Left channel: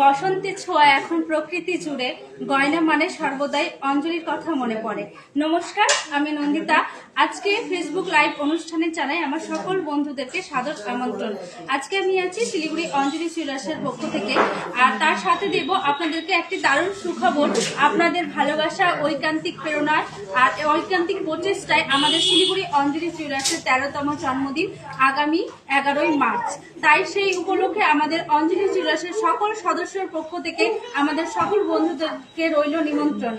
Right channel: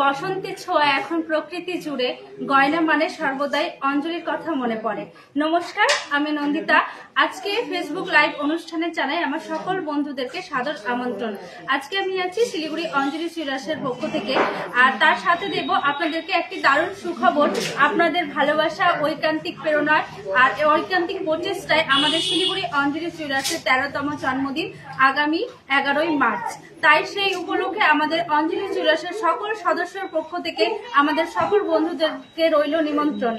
বসন্তের ছোঁয়া এখন প্রকৃতি জুড়ে, গয়না মানে সর্বদাই অঞ্জলির কথা মনে পড়ে। নমস্কার, আমি নন্দিতা। আজকে ফেসবুক লাইভ অনুষ্ঠানে জানাই আমার সকল বন্ধুদেরকে সাদর আমন্ত্রণ। আজকে আমি আছি শিলিগুড়ি অঞ্জলি জুয়েলার্সের পক্ষ থেকে, আর তার সাথে দেব আপনাদেরকে একটি দারুণ সুখবর। আপনাদের ভালোবাসা, ঐকান্তিক প্রেরণায় আর ঐকান্তিক প্রচেষ্টায় আমাদের শিলিগুড়ি অঞ্জলি জুয়েলার্সের 13তম জন্মদিন আগামী 11ই মার্চ। তাই সেই উপলক্ষে আমাদের অঞ্জলি জুয়েলার্সের সকল সদস্যের পক্ষ থেকে আমাদের সকল বন্ধুদেরকে রইল নিমন্ত্রণ।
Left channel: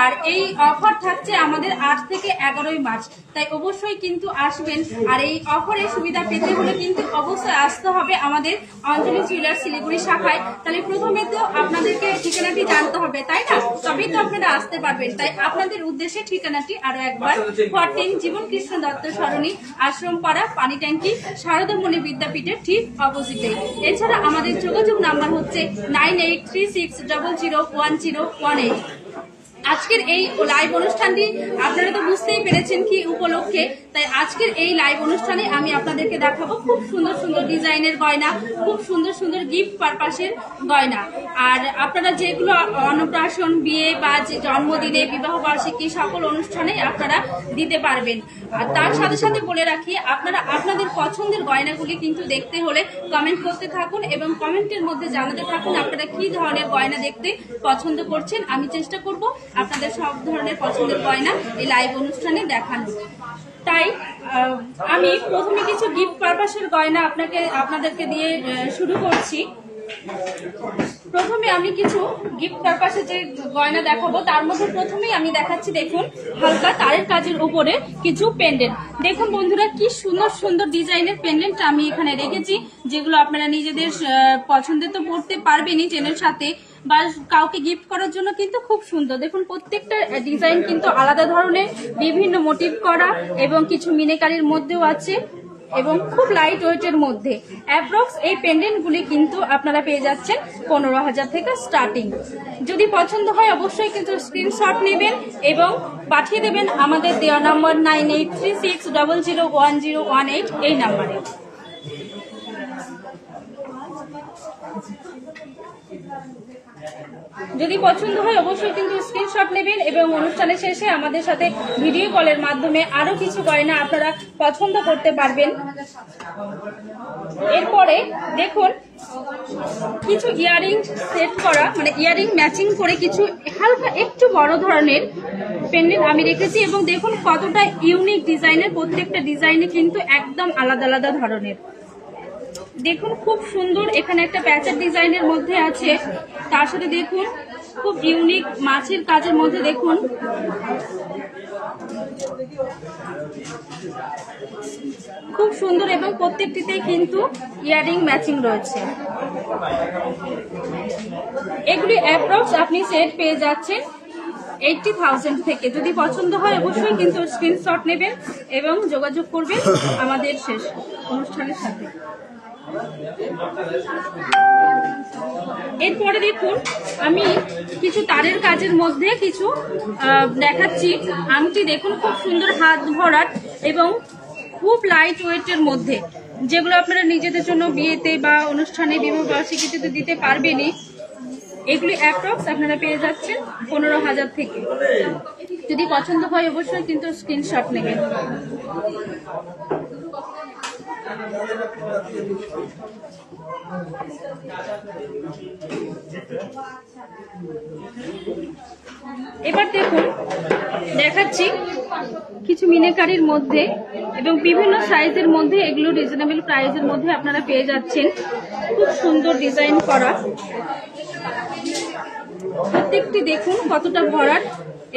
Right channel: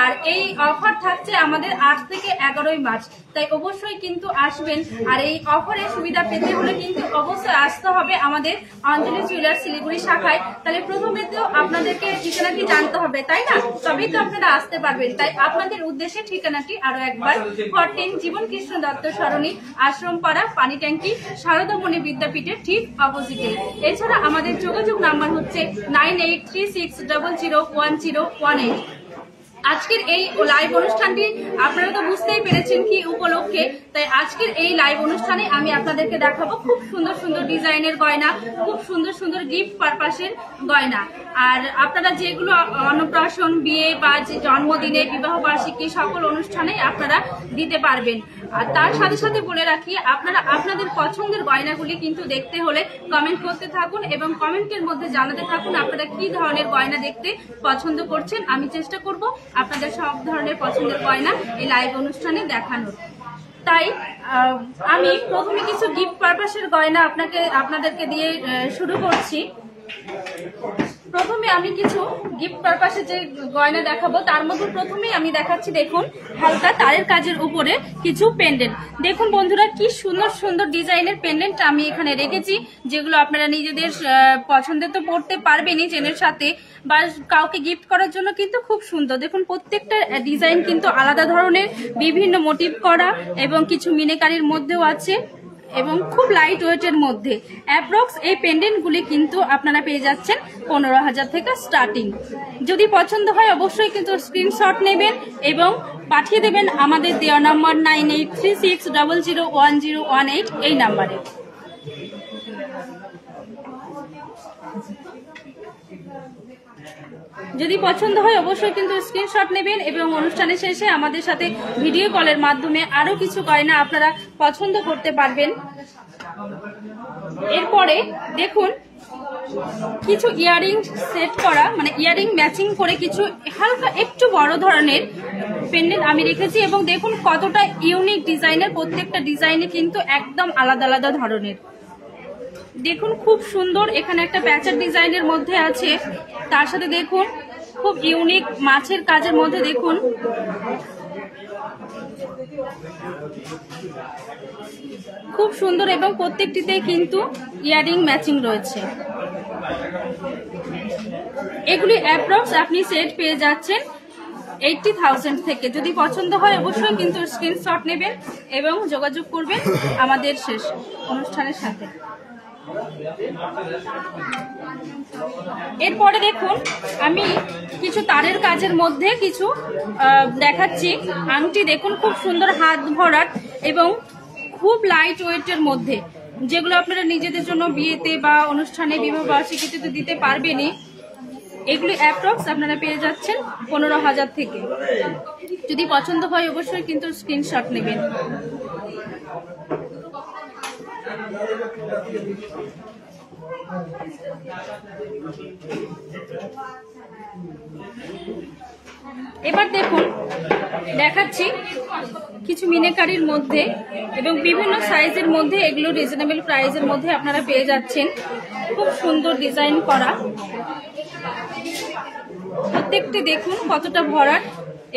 আর এই অফার থাকছে আমাদের 8 থেকে 11ই মার্চ, তাই অবশ্যই কিন্তু আসবেন। আর এই অফারের সুবিধা পেতে হলে কিন্তু অবশ্যই আসতে হবে আমাদের অঞ্জলি জুয়েলার্স শিলিগুড়ি শাখায়। তাহলে প্রথমে তো আপনাদেরকে ঠিকানাটি জানতে হবে, তাই না? তবেই তো আপনারা আসতে পারবেন। তাই আপনাদের উদ্দেশ্যে ঠিকানাটি আরো একবার, 14 জীবন কৃষ্ণ দত্ত সরণি, আশ্রমপাড়া, পানি ট্যাঙ্কি, শারদামণি বিদ্যাপীঠের ঠিক অপোজিটে। এছাড়া আমাদের যোগাযোগ নাম্বার হচ্ছে 9836001018। আজকের এই লাইভ অনুষ্ঠানটি আপনারা তো বুঝতেই পেরেছেন কি উপলক্ষে। তাই আজকের এই লাইভ অনুষ্ঠানে আমি আপনাদেরকে দেখাবো খুব সুন্দর সুন্দর ডিজাইনের গয়না, খুব সুন্দর সুন্দর গিফট পারপাসের গয়না। আর আপনারা যেগুলো অন্নপ্রাশন, বিয়ে বা জন্মদিনে, বিবাহ বার্ষিকী সকল অনুষ্ঠানে আপনারা দিতে পারবেন। আর তার সাথে সাথে বলে রাখি, আপনারা আপনাদের পছন্দের গয়নাগুলি কিন্তু দেখতে হলে কমেন্ট করতে থাকুন এবং কমেন্টের মধ্যে জানাতে থাকুন আপনারা কি ধরনের গয়না দেখতে পছন্দ করছেন। আমি চেষ্টা করব আপনাদের সব ধরনের পছন্দের গয়না এই লাইভ অনুষ্ঠানে দেখানো। তাই আমি প্রথমে কিছু গিফট পারপাসের গয়না আপনাদেরকে দিয়ে শুরু করছি। প্রথমে আমি কিছু গিফট পারপাসে যে গয়না দেখাবো তার মধ্যে প্রথমেই আমি দেখাচ্ছি, দেখুন হালকা তারের কাজের উপরে কিছু পেন্ডেন্ট। দেখুন বন্ধুরা, কি সুন্দর সুন্দর ডিজাইনের পেন্ডেন্ট আমি এখানে রেখেছি, যেগুলো আপনারা নিজেদের পছন্দের তো পড়তে পারবেনই চেনের সাথে, বা কাউকে গিফট করার জন্য কিন্তু খুব সুন্দর। দেখুন প্রত্যেকটা ডিজাইন কিন্তু আলাদা ধরনের, বিভিন্ন মোটিভ করা এবং কিছু মিনেকারির মধ্যেও আছে এবং খুব লাইট ওয়েটের মধ্যে। অ্যাপ্রক্স এই পেন্ডেন্টগুলি কিন্তু আপনারা পেয়ে যাচ্ছেন 15,000 থেকে স্টার্টিং। যদি পছন্দ হয় অবশ্যই কিন্তু স্ক্রিনশট নেবেন এবং পাঠিয়ে দেবেন আমাদের দেওয়া নম্বর 9836001018 এই নাম্বারে। যদি পছন্দ হয় অবশ্যই কিন্তু স্ক্রিনশট নেবেন এবং অনুষ্ঠানের শেষে আমাদের সাথে ভিডিও কলের মাধ্যমে আরো কিছু গয়না আপনারা পছন্দ করতে পারবেন। এরপরে দেখুন কিছু ইয়ারিং সেট করা, মানে ইয়ারিং ম্যাচিং করে কিছু হালকা একটু বড় ধরনের পেন্ডেন্ট আমি রেখেছি এবং দেখুন কতটা ইউনিক ডিজাইনের। প্রত্যেকটা ডিজাইনে কিন্তু একদম আলাদা আলাদা ধরনের। দেখুন খুব সুন্দর, এখানে একটা প্যাচের ডিজাইনের মধ্যে আছে, তার সাথে দেখুন খুব ইউনিক মাছের কাজের মধ্যে দেখুন খুব সুন্দর এবং প্রত্যেকটিতে কিন্তু ইয়ারিং ম্যাচিং রয়েছে। এগুলি অ্যাপ্রক্স আপনি সেট পেয়ে যাচ্ছেন 80,000 থেকে। যদি পছন্দ হয় অবশ্যই কিন্তু স্ক্রিনশট নেবেন এবং যোগাযোগ করবেন আমাদের শেষ অনুষ্ঠানের সাথে। এরপরে দেখুন আমি কিছু তারের কাজের মধ্যে কিছু দেখাচ্ছি আংটি। দেখুন খুব সুন্দর হাত ভরা এবং খুব লাইট ওয়েটের মধ্যে, যেগুলো আপনারা নিজেদের জন্য বিয়েতে বা অনুষ্ঠানে, বিবাহ বার্ষিকীতে তো দিতে পারবেনই। এগুলি অ্যাপ্রক্স আপনারা পেয়ে যাচ্ছেন 15,000 থেকে। যদি পছন্দ হয় অবশ্যই কিন্তু স্ক্রিনশট নেবেন। এবার দেখুন দেখাচ্ছি কিছু মিনেকারির মধ্যে এবং বিভিন্ন সাইজের মধ্যে, এগুলো রিজনেবল প্রাইসের মধ্যে আপনারা পেয়ে যাচ্ছেন। খুব সুন্দর ডিজাইন করা, প্রত্যেকটি দেখুন কতটা ভরাট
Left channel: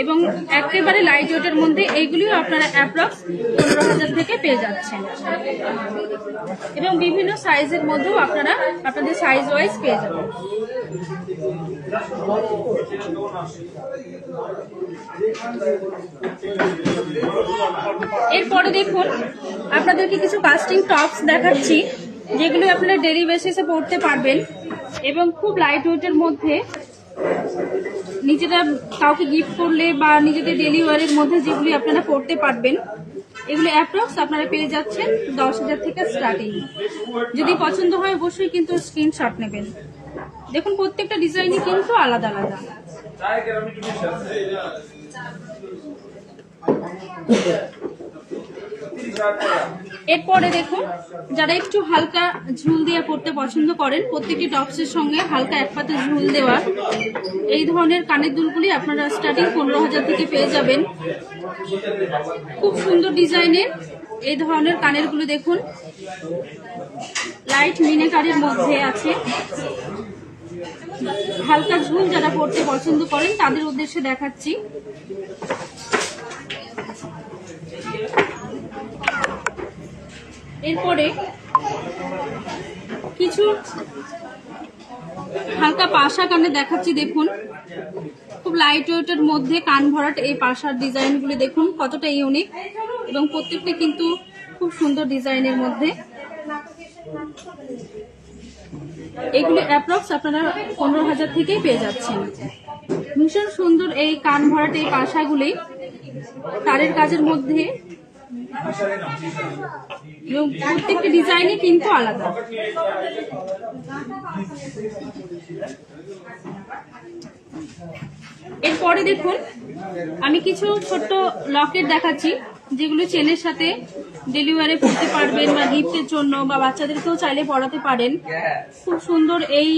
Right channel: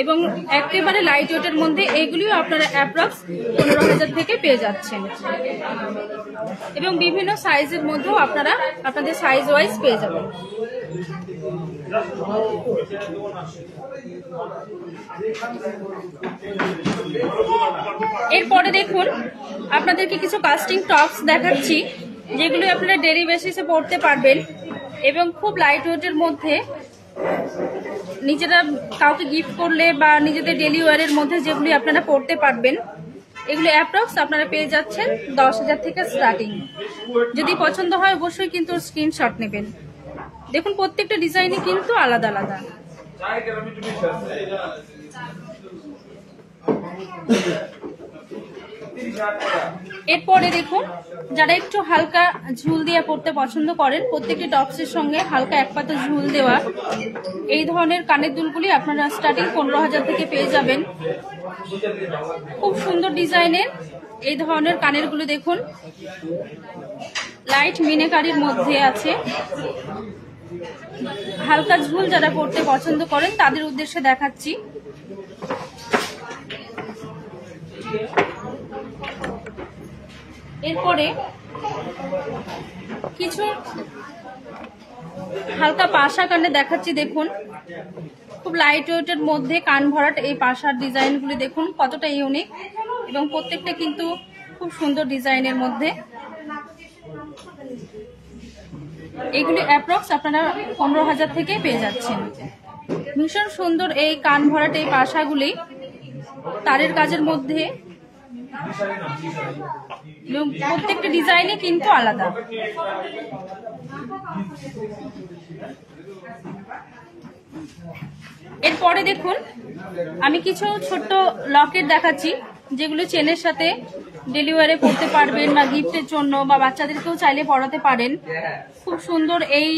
এবং একেবারে লাইট ওয়েটের মধ্যে। এইগুলিও আপনারা অ্যাপ্রক্স 15,000 থেকে পেয়ে যাচ্ছেন এবং বিভিন্ন সাইজের মধ্যেও আপনারা আপনাদের সাইজ ওয়াইজ পেয়ে যাবেন। এরপরে দেখুন আপনাদেরকে কিছু কাস্টিং টপস দেখাচ্ছি। যেগুলি আপনারা ডেলি বেসিসে পড়তে পারবেন এবং খুব লাইট ওয়েটের মধ্যে নিজেরা কাউকে গিফট করলে বা নিজেদের ডেলি ওয়ারের মধ্যে যেগুলি আপনারা পড়তে পারবেন, এগুলি অ্যাপ্রক্স আপনারা পেয়ে যাচ্ছেন 10,000 থেকে স্টার্টিং। যদি পছন্দ হয় অবশ্যই কিন্তু স্ক্রিনশট নেবেন। দেখুন প্রত্যেকটা ডিজাইনই কিন্তু আলাদা আলাদা। এরপরে দেখুন, যারা একটু হালকা ঝুল দিয়ে পড়তে পছন্দ করেন, প্রত্যেকটি টপসের সঙ্গে হালকা এক পাতা ঝুল দেওয়া এই ধরনের কানের দুলগুলি আপনারা স্টার্টিং 15,000 থেকে পেয়ে যাবেন। খুব সুন্দর ডিজাইনের এই ধরনের কানেরগুলি দেখুন, লাইট মিনেকারির মধ্যে আছে। হালকা ঝুল যারা পড়তে পছন্দ করেন তাদের উদ্দেশ্যে দেখাচ্ছি। এরপরে কিছু হালকা পাশা কানে দেখাচ্ছি। দেখুন খুব লাইট ওয়েটের মধ্যে কান ভরাট এই পাশার ডিজাইনগুলি দেখুন কতটা ইউনিক এবং প্রত্যেকটা কিন্তু খুব সুন্দর ডিজাইনের মধ্যে। এগুলি অ্যাপ্রক্স আপনারা 15,000 থেকে পেয়ে যাচ্ছেন। ভীষণ সুন্দর এই কান ভরাট এই পাশাগুলি তারের কাজের মধ্যে এবং প্রত্যেকটা ডিজাইনই কিন্তু আলাদা। এরপরে দেখুন আমি কিছু ছোট্ট লকেট দেখাচ্ছি, যেগুলো চেনের সাথে ডেলিভারি করতে পারবেন বা গিফটের জন্য বা বাচ্চাদেরকেও চাইলে পড়াতে পারেন। খুব সুন্দর এই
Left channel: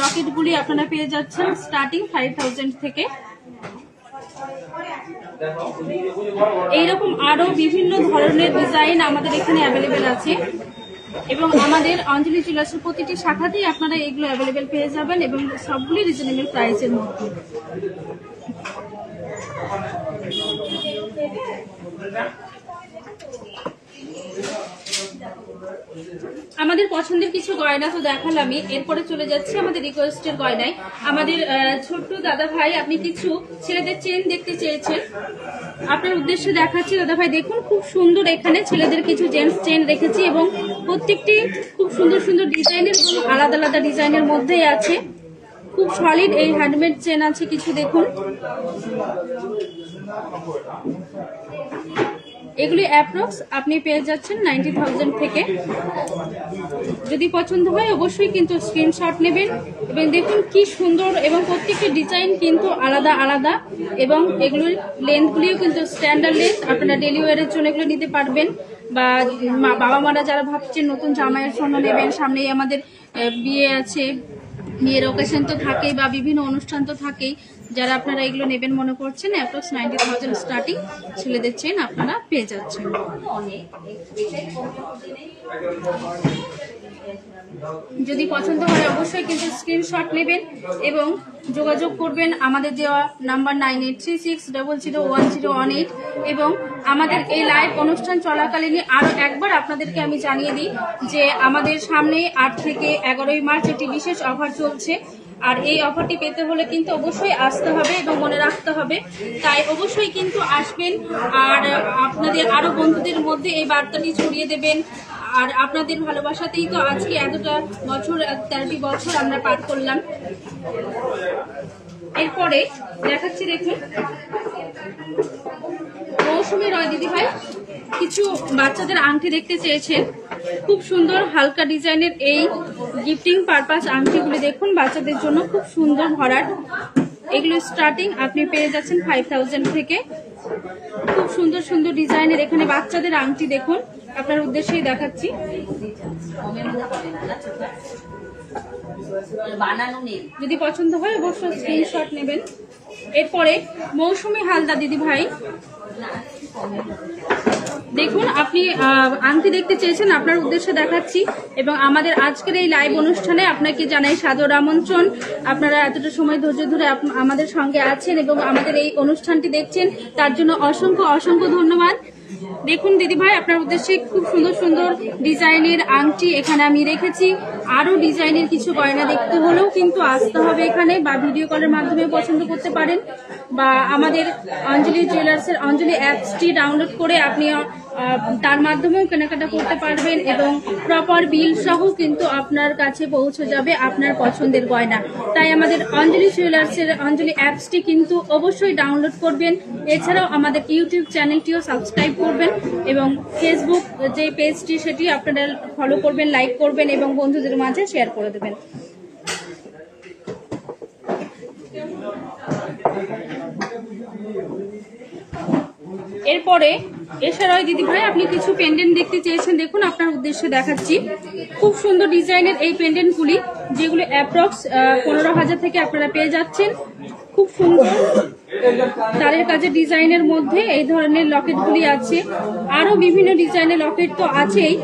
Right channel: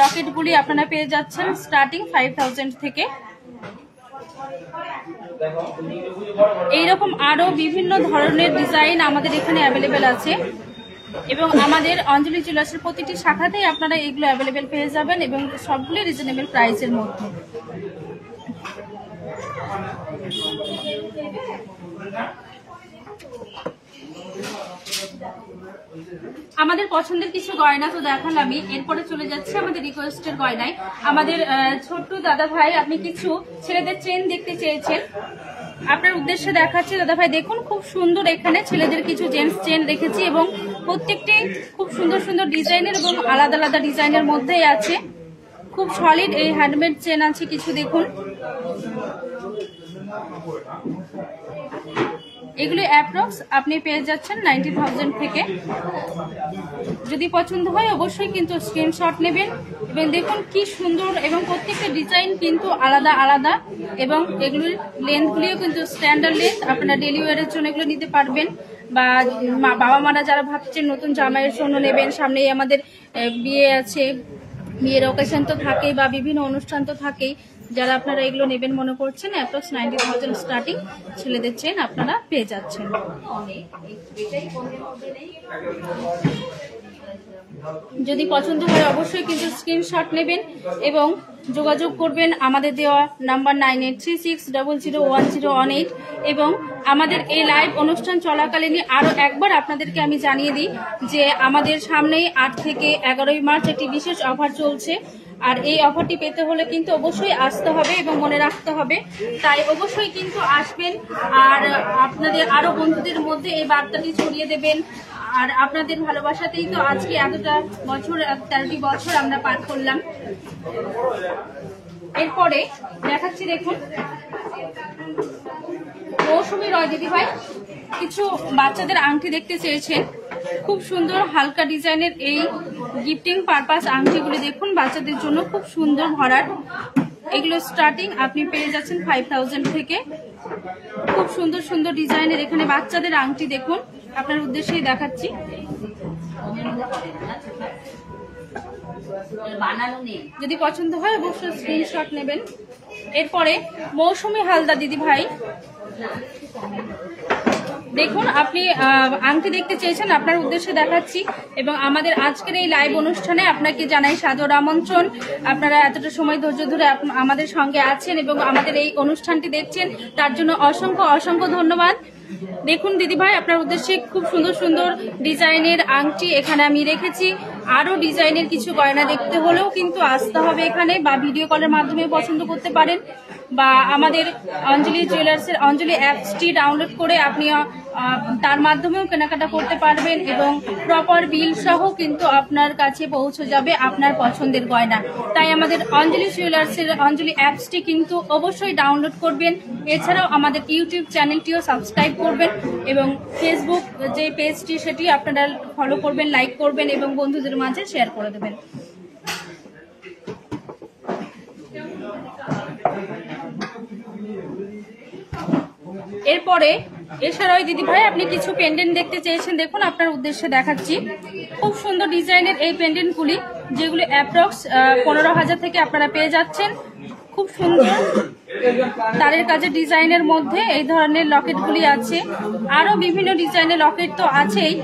লকেটগুলি আপনারা পেয়ে যাচ্ছেন স্টার্টিং 5,000 থেকে। এইরকম আরো বিভিন্ন ধরনের ডিজাইন আমাদের এখানে অ্যাভেলেবেল আছে এবং আমাদের অঞ্জলি জুয়েলার্সের প্রতিটি শাখাতেই আপনারা এগুলো অ্যাভেলেবেল পেয়ে যাবেন এবং সবগুলি রিজনেবল প্রাইসের মধ্যে। আমাদের পছন্দের কিছু গয়না তো দেখালামই, এরপরে চলে যাচ্ছে আমাদের রিকোয়েস্টের গয়নায়। আমাদের ছোট্ট দাদা ভাই আপনি কিছু ছেলেদের চেন দেখতে চেয়েছেন, আপনার উদ্দেশ্যে দেখাচ্ছি। দাদা ভাই দেখুন খুব সুন্দর এখানে ছেলেদের কিছু জেন্টস চেন রেখেছি এবং প্রত্যেকটি খুব সুন্দর সুন্দর ডিজাইনের এবং আলাদা আলাদা ডিজাইনের মধ্যেই আছে। খুব সলিড এই হ্যান্ডমেড চেন আছে কিছু। দেখুন এগুলি অ্যাপ্রক্স আপনি পেয়ে যাচ্ছেন 90,000 থেকে। যদি পছন্দ হয় অবশ্যই কিন্তু স্ক্রিনশট নেবেন এবং দেখুন কি সুন্দর এবং প্রত্যেকটা ডিজাইন কিন্তু আলাদা আলাদা এবং এগুলির লেন্থগুলিও কিন্তু স্ট্যান্ডার্ড লেন্থ। আপনারা ডেলি ওয়ারের জন্য এগুলো নিতে পারবেন বা বাবা মারা যারা ভাবছেন নতুন জামাইয়ের জন্য নেবেন, সামনেই আমাদের বিয়ে আছে, বিয়ের অকেশন তো থাকেই বা বিভিন্ন অনুষ্ঠান তো থাকেই, যারা আপনারা এগুলো নেবেন মনে করছেন অ্যাপ্রক্স 90,000 স্টার্টিং ছেলেদের চেন আপনারা পেয়ে যাচ্ছেন। যদি পছন্দ হয় অবশ্যই কিন্তু স্ক্রিনশট নেবেন এবং যোগাযোগ করবেন আমাদের দেওয়া নাম্বার 9836001018 এবং আমাদের এই লাইভ অনুষ্ঠান চলাকালীন আরো একবার আপনাদেরকে আমি জানিয়ে দিই যে আমাদের সামনে 8 থেকে 11 মার্চ একটি বিশেষ অফার চলছে। আর এই অফারটি পেতে হলে কিন্তু অবশ্যই আসতে হবে এবং মনে রাখতে হবে, তাই অবশ্যই কিন্তু আসবেন আর আপনাদের আরো বন্ধুদের মধ্যে এই বার্তাটি ছড়িয়ে দেবেন। আর আপনাদের ভালোবাসাতেই তো আজকে এতটা বছর 13টি বছর আমরা পার করলাম। এরপরে দেখাচ্ছি দেখুন মৌসুমী রয় দিদি ভাই কিছু বাচ্চাদের আংটি দেখতে চেয়েছেন। খুব সুন্দর হালকা ডিজাইনের এই গিফটিং পারপাস আংটিগুলি দেখুন বাচ্চাদের জন্য খুব সুন্দর ভরাট। এগুলো স্টার্টিং আপনি পেয়ে যাচ্ছেন 5,000 থেকে। খুব সুন্দর সুন্দর ডিজাইনের এখানে বাচ্চাদের আংটি দেখুন, আপনার উদ্দেশ্যেই দেখাচ্ছি। যদি পছন্দ হয় অবশ্যই স্ক্রিনশট নেবেন। এরপরে মৌসুমী হালদার দিদি ভাই দেখুন আপনি আংটি দেখতে চেয়েছেন, আপনার উদ্দেশ্যে দেখাচ্ছি এবং আমাদের আজকের এই লাইভ অনুষ্ঠানে আপনাকে জানাই সাদর আমন্ত্রণ। আপনারা এতটা সময় ধৈর্য ধরে আমাদের সঙ্গে আছেন এবং আমাদের এই অনুষ্ঠানটি দেখছেন, তার জন্য অসংখ্য অসংখ্য ধন্যবাদ। দেখুন দিদি ভাই আপনার উদ্দেশ্যে খুব সুন্দর সুন্দর ডিজাইনের আংটি এখানে আমি রেখেছি। আরো ডিজাইনের কিছু গয়না দেখতে হলেও কিন্তু আসতে হবে এখানে বা ভিডিও কলের মাধ্যমে পছন্দ করতে পারেন বা আমাদের অঞ্জলি জুয়েলার্সের অঞ্জলি অ্যাপসটি ডাউনলোড করে আপনি তার মাধ্যমেও কেনাকাটা করতে পারবেন এবং প্রপার বিল সহ কিন্তু আপনার কাছে পৌঁছে যাবে আপনার পছন্দের গয়না। তাই আমাদের অঞ্জলি জুয়েলার্সের অঞ্জলি অ্যাপসটি কিন্তু অবশ্যই ডাউনলোড করবেন। এছাড়াও আমাদের ইউটিউব চ্যানেলটিও সাবস্ক্রাইব করবেন এবং ফেসবুক যে পেজটি সেটি আপনারা ফলো করবেন, লাইক করবেন এবং বন্ধুদের মাঝে শেয়ার করে দেবেন। এরপরে এছাড়াও দিদি ভাই আপনি কিছু পেন্ডেন্ট দেখতে চেয়েছেন, দেখুন আপনার উদ্দেশ্যে দেখাচ্ছি। খুব সুন্দর ডিজাইনের এই পেন্ডেন্টগুলি, যেগুলি অ্যাপ্রক্স 15,000 থেকে আপনারা পেয়ে যাচ্ছেন। খুব সুন্দর তারের কাজের ডিজাইনের মধ্যে এই ধরনের লকেটগুলি আছে। আরো বিভিন্ন ডিজাইনের লকেট তো আছেই।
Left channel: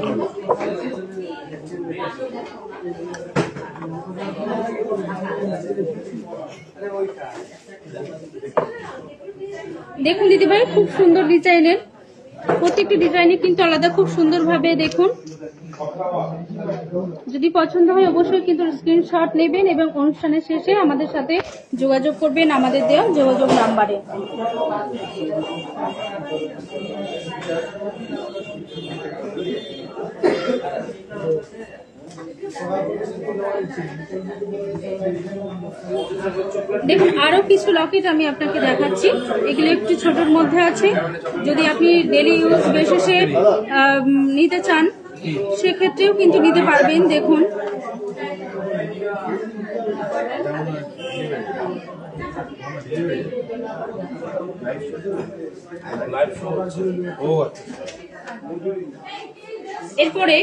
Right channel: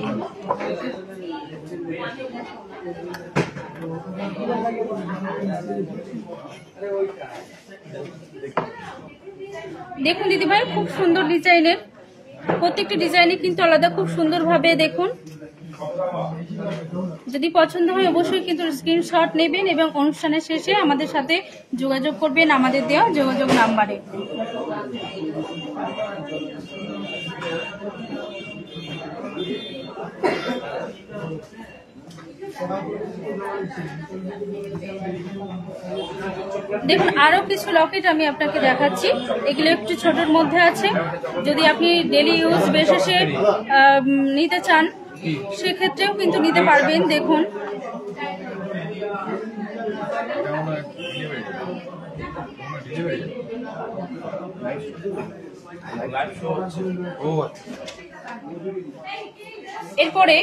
দেখুন দিদি ভাই, খুব সুন্দর ডিজাইনের, প্রত্যেকটি ডিজাইনে কিন্তু আলাদা, খুব সুন্দর ভাবে দেখুন। যদি পছন্দ হয় অবশ্যই কিন্তু স্ক্রিনশট নেবেন এবং অনুষ্ঠানের শেষে আমাদের সাথে যোগাযোগ করবেন আমাদের দেওয়া যোগাযোগ নাম্বারে। দেখুন আরো কিছু লকেট আমি আপনাকে দেখাচ্ছি, এগুলো একটু ছোটর মধ্যে আছে। যদি আপনি ডেলি ইউজ বেসিসে নিতে চান সেক্ষেত্রেও কিন্তু নিতে পারবেন। দেখুন এরপরে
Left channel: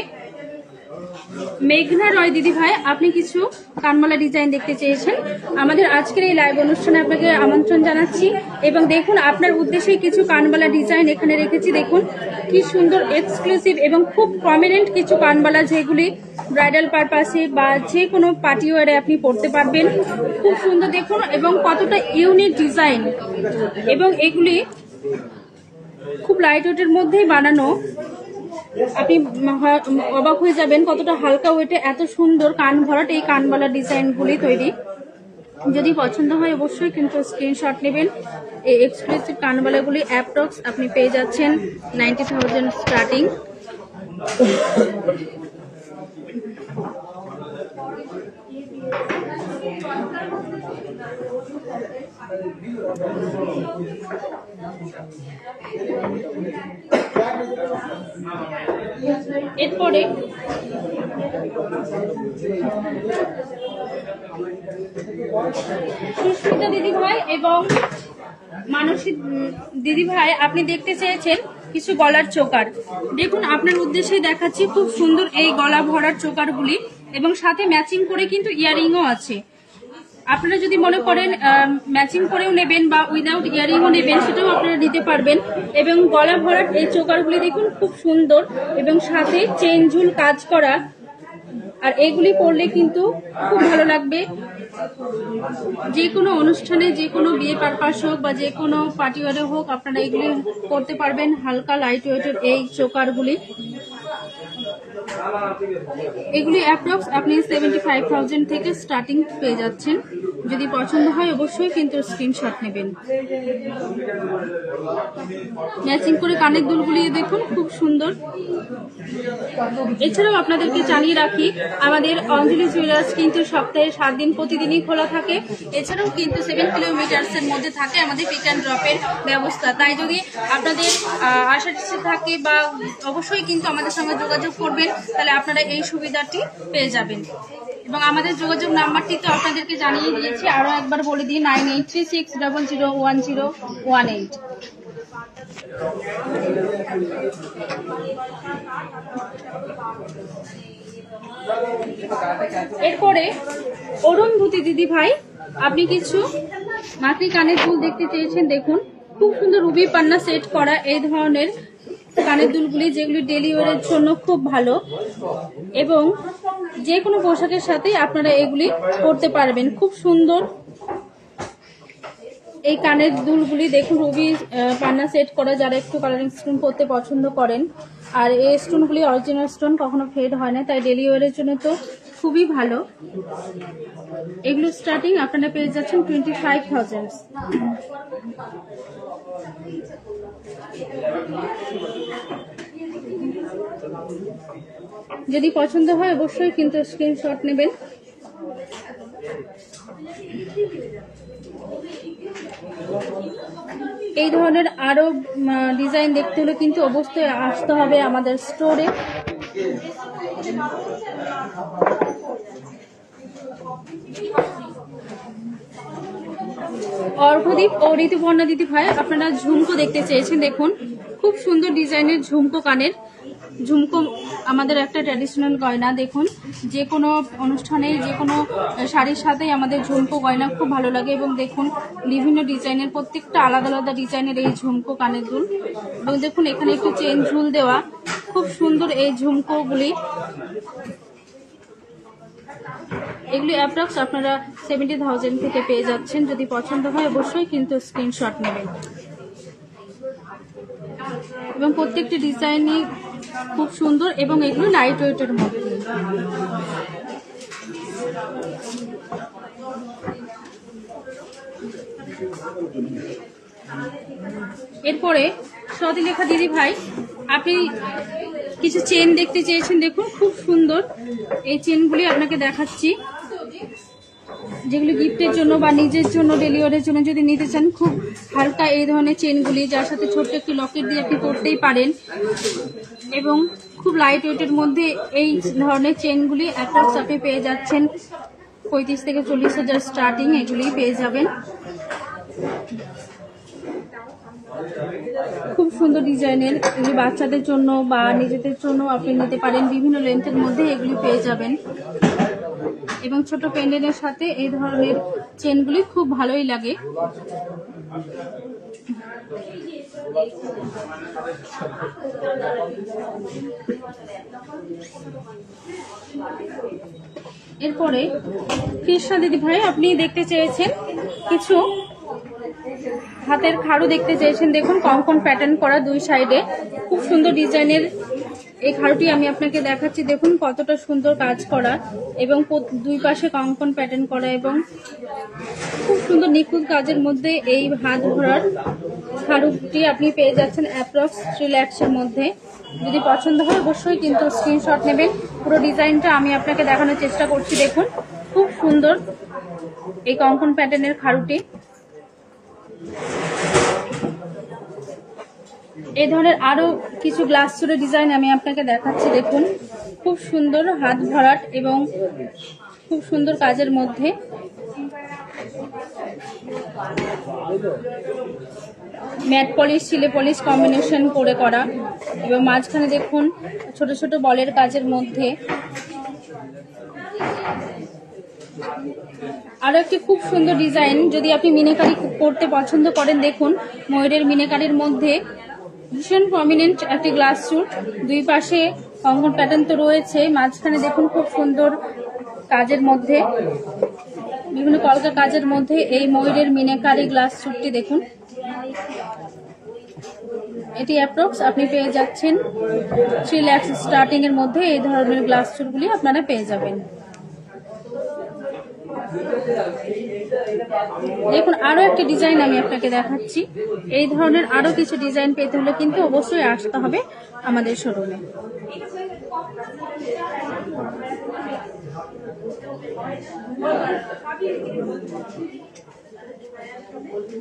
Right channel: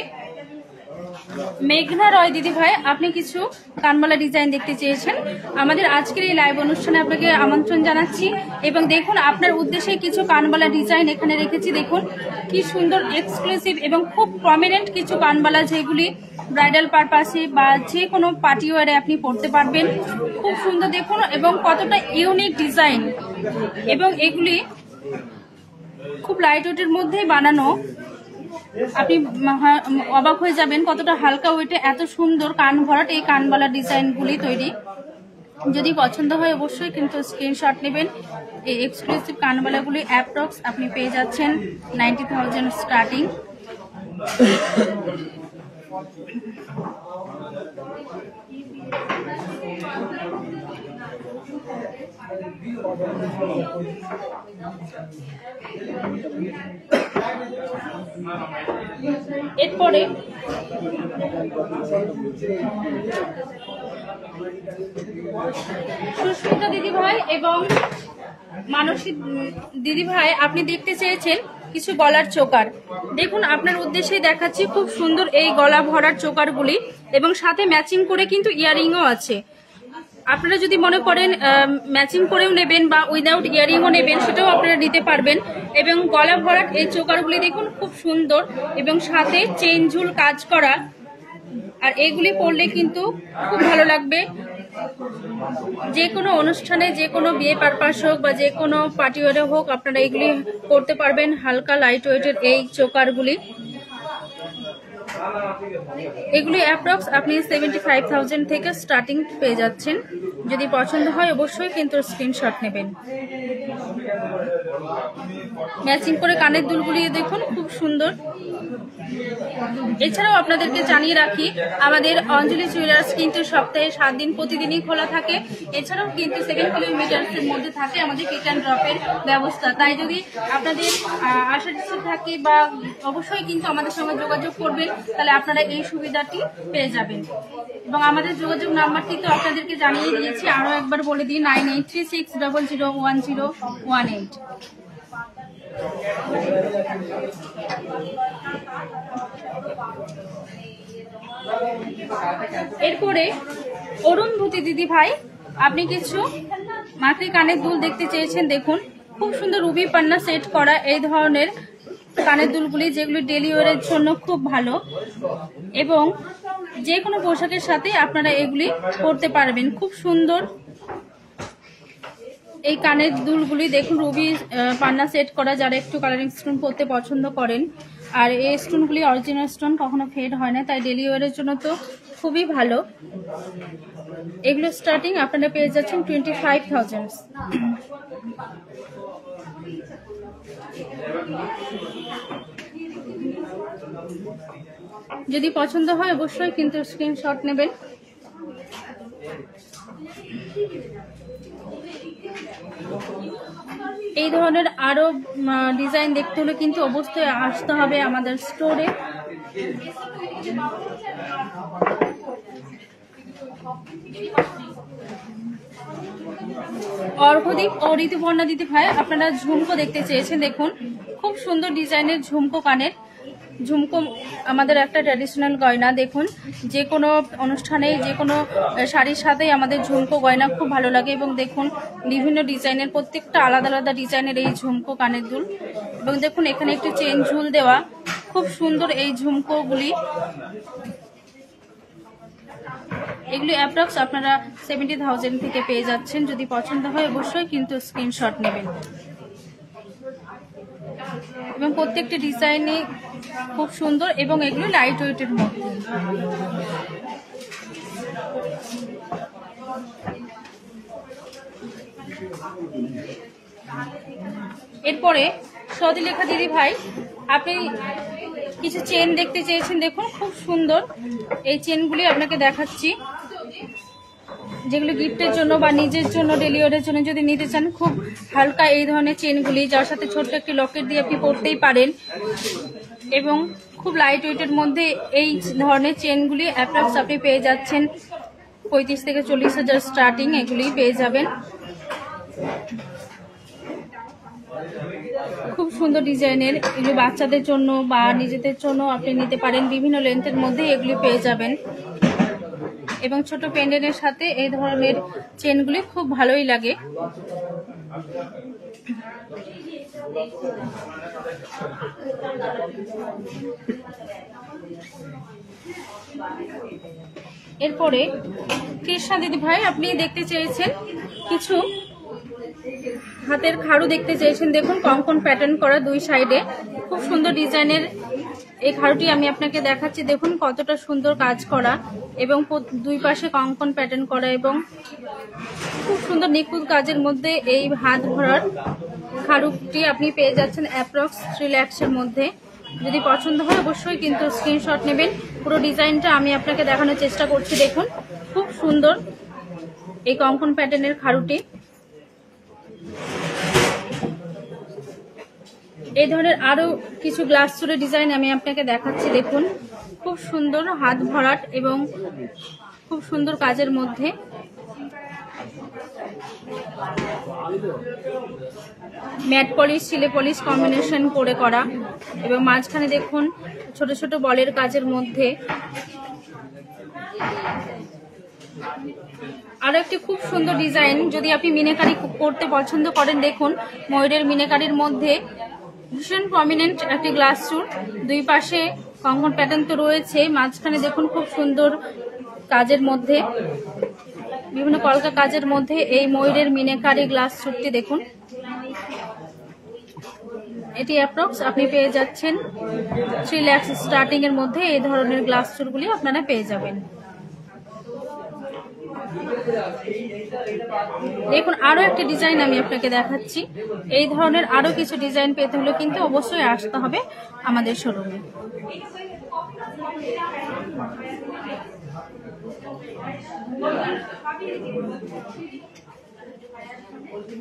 মেঘনা রয় দিদি ভাই আপনি কিছু কানমালা ডিজাইন দেখতে চেয়েছেন। আমাদের আজকের এই লাইভ অনুষ্ঠানে আপনাকে আমন্ত্রণ জানাচ্ছি এবং দেখুন আপনার উদ্দেশ্যে কিছু কানমালা ডিজাইন এখানে রেখেছি। দেখুন কি সুন্দর এক্সক্লুসিভ এবং খুব প্রমিনেন্ট কিছু কানমালা, যেগুলি ব্রাইডাল পারপাসে বা যে কোনো পার্টি ওয়ারে আপনি পরতে পারবেন। খুব সুন্দর দেখুন এবং কতটা ইউনিক ডিজাইন, এবং এগুলি খুব লাইট ওয়েটের মধ্যেই বানানো। আপনি অবাক হয়ে যাবেন কতটা হালকা ওয়েটে এত সুন্দর কান ভরাট এই কানবালা ডিজাইনগুলি তৈরি। যদি পছন্দ হয় অবশ্যই কিন্তু স্ক্রিনশট নেবেন। এই এক্সক্লুসিভ কানবালাগুলি অ্যাপ্রক্স আপনি পেয়ে যাচ্ছেন 90,000 স্টার্টিং। এরপরে সুস্মিতা দিদি ভাই এবং মানসী দিদি ভাই আপনি দেখতে চেয়েছেন কিছু গলার চোকার। দেখুন আপনার উদ্দেশ্যে দেখাচ্ছি খুব সুন্দর এই গলা ভরার চোকারগুলি, এবং সাথে ম্যাচিং করে কিন্তু ইয়ারিংও আছে। আপনারা যদি মনে করেন ম্যাচিং করেও নেবেন বা উইদাউট ইয়ারিংও নেবেন সেটাও আপনারা নিতে পারবেন। এবং গলা ভরাট এই চোকারগুলি দেখুন খুব সুন্দর এবং সাথে চেন ঝুল কাজ করা, আর এগুলি পরলে কিন্তু খুব ভালো লাগবে। যে কোনো অনুষ্ঠানে, যে কোনো বিয়ে পারপাস হোক বা যে কোনো পার্টি ওয়ারে হোক আপনারা এগুলি করতে পারবেন। হালকা লাইট ওয়েটের এই চোকারগুলি, এগুলি অ্যাপ্রক্স আপনি 75,000 থেকে স্টার্টিং পেয়ে যাচ্ছেন। যদি পছন্দ হয় অবশ্যই কিন্তু স্ক্রিনশট নেবেন। ম্যাচিং করে কানের দুলগুলি দেখুন খুব সুন্দর। এছাড়াও আপনাদেরকে জানিয়ে রাখি আমাদের অঞ্জলি জুয়েলার্স কিন্তু সপ্তাহে 7 দিন প্রতিদিনই খোলা থাকে। এছাড়াও কিন্তু 7 কিলোমিটার্সের মধ্যে থাকে আমাদের পিক অ্যান্ড ড্রপের ব্যবস্থা। তাই যদি আপনাদের আসার ইচ্ছে থাকে বা অবশ্যই কিন্তু আমাদের সঙ্গে যোগাযোগ করবেন, তাহলে আপনারা এই সুবিধাটি পেয়ে যাবেন। এবং আমাদের যোগাযোগ নাম্বারটি তো আপনাদেরকে জানিয়ে দিয়েছি, আরো একবার বলে দিই 9836001018। এরপরে অরুণভূতি দিদি ভাই আপনি কিছু মাকড়ি কানের দুল দেখতে চেয়েছেন। দেখুন খুব সুন্দর রুবি পান্না সেট করা এই ধরনের কানের দুলগুলি, যেগুলি ডেলি ওয়ারের জন্য খুব ভালো এবং যে কোনো পোশাকের সাথে আপনারা এগুলি পরতে পারবেন। খুব সুন্দর এই কানের দুলগুলি দেখুন রুবি পান্না সেট করা, যারা একটু কালারিং স্টোন পরতে পছন্দ করেন। আর এই স্টোনগুলি অরিজিনাল স্টোন, কখনো ফেড হয় না, তাই ডেলি ওয়ারের জন্য তো খুবই ভালো। এগুলো স্টার্টিং আপনারা পেয়ে যাচ্ছেন 25,000। যদি পছন্দ হয় অবশ্যই কিন্তু স্ক্রিনশট নেবেন। এই ধরনের আরো ডিজাইন দেখতে হলে কিন্তু অবশ্যই আসতে হবে আমাদের স্টোরে। অর্ঘদীপ ও ঋতুপর্ণা দিদি ভাই, আপনারা ঝুমকো দেখতে চেয়েছেন। দেখুন খুব সুন্দর ডিজাইনের ঝুমকো কানের। ঝুমকো আমাদের একটা ট্র্যাডিশনাল গয়না। দেখুন যে কোনো অনুষ্ঠানে যে কোনো শাড়ির সাথেই আমাদের ঝুমকো গয়না খুব ভালো লাগে। এবং দেখুন বিভিন্ন ডিজাইনের, প্রত্যেকটা আলাদা আলাদা ডিজাইনের এই ঝুমকো কানের দুল। এবং দেখুন এখানে একটু চেন ঝুল দেওয়া, খুব সুন্দর এই ঝুমকোগুলি। এগুলি অ্যাপ্রক্স আপনারা 70,000 থেকে পেয়ে যাচ্ছেন। যদি পছন্দ হয় অবশ্যই কিন্তু স্ক্রিনশট নেবেন। এবং প্রত্যেকটি ডিজাইনই খুব সুন্দর এবং এগুলো লাইট ওয়েটের মধ্যে। এরপরে সতীলেখা দিদি ভাই, আপনি কিছু চেন দেখতে চেয়েছেন। দেখুন খুব সুন্দর এই চেনগুলি আপনাকে দেখাচ্ছি, যেগুলো গিফটের জন্য বা নিজের জন্য ডেলি ওয়ারের জন্য যদি নিতে চান। খুব হালকা এই ধরনের চেনগুলি, যার সাথে ছোট্ট একটি লকেট দিয়ে আপনি পরতেই পারেন। এবং খুব লাইট ওয়েটের মধ্যে এই ধরনের চেনগুলি অ্যাপ্রক্স আপনি পেয়ে যাচ্ছেন 35 থেকে 40,000 স্টার্টিং এগুলি পেয়ে যাবেন। খুব সুন্দর ডিজাইনের, এগুলি বাচ্চাদের জন্য বা নিজেদের জন্য আপনি নিতে পারেন। বিভিন্ন লেন্থের মধ্যে এগুলি পেয়ে যাবেন। এবং ছোট পেন্ডেন্টের সাথে এই ধরনের চেনগুলি খুব ভালোই লাগে। এরপরে কৃষ্ণা দিদি ভাই, আপনি দেখতে চেয়েছেন কিছু হাতের খাড়ু দেখতে চেয়েছেন। দেখুন কঙ্কন প্যাটার্ন করা দুই সাইডে, খুব সুন্দর ডিজাইনের এই খাড়ুটি আমি আপনাকে দেখাচ্ছি। দেখুন কতটা সুন্দর কাজ করা এবং দুই পাশে কঙ্কন প্যাটার্ন করা এবং খুব সুন্দর নিখুঁত কাজের মধ্যে এই হাত ভরার খাড়ুটি আপনি পেয়ে যাচ্ছেন অ্যাপ্রক্স 3 লাখের মধ্যে। যদি পছন্দ হয় অবশ্যই কিন্তু স্ক্রিনশট নেবেন। পুরো ডিজাইনটা আমি আপনাকে দেখানোর চেষ্টা করছি। দেখুন খুব সুন্দর এই কঙ্কন প্যাটার্নের খাড়ুটি। এই ধরনের আরো কিছু গ্লাস চুলের ডিজাইন আমি আপনাকে দেখাচ্ছি। দেখুন খুব সুন্দর হাত ভরাট এবং খুব সুন্দর কাজের মধ্যে। ম্যাট পলিশ সিলে পলিশ কম্বিনেশন করে করা এবং মাঝখানে দেখুন ছোট ছোট বলের কাজের মধ্যে। আরো একটি খুব সুন্দর ডিজাইন, যদি আপনি মিনাকারি করতে পছন্দ করেন। দেখুন ময়ূরের মিনাকারির মধ্যে ভীষণ প্রমিনেন্ট একটি গ্লাস স্যুট, দুই পাশে কঙ্কন প্যাটার্ন তো রয়েছে, মাঝখানে দেখুন খুব সুন্দর কাজের মধ্যে, বিভিন্ন কলকা কাজের মধ্যে এই ময়ূরের মিনাকারি গ্লাস স্যুটটি দেখুন। এটি অ্যাপ্রক্স আপনি পেয়ে যাচ্ছেন 3 লাখ স্টার্টিং এর মধ্যে। এই ধরনের গ্লাস স্যুটগুলি আপনারা পেয়ে যাবেন। দেখুন আরো একটা ডিজাইন আমি আপনাকে দেখাচ্ছি। এই ধরনের আরো কিছু ডিজাইন পেতে হলে কিন্তু অবশ্যই আসতে হবে আমাদের শোরুমে।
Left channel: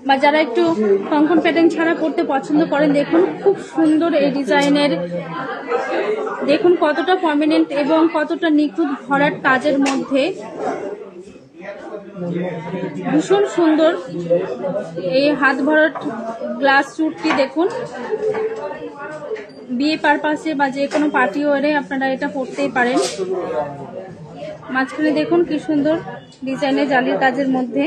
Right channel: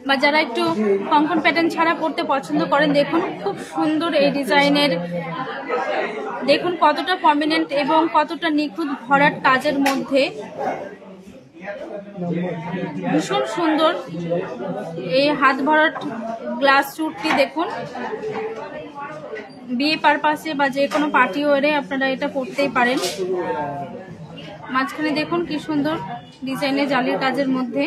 বা যারা একটু কঙ্কন প্যাটার্ন ছাড়া করতে পছন্দ করেন, দেখুন খুব সুন্দর এই ডিজাইনের। দেখুন কতটা প্রমিনেন্ট এবং কতটা নিখুঁত ভরাট কাজের মধ্যে, ভীষণ সুন্দর এই হাত ভরাট গ্লাস স্যুটটি। দেখুন বিয়ে পারপাসে বা যে কোনো পার্টি ওয়ারে আপনারা এটা পরতেই পারেন। মাঝখানে দেখুন কি সুন্দর ডিজাইনের জালির কাজের মধ্যে।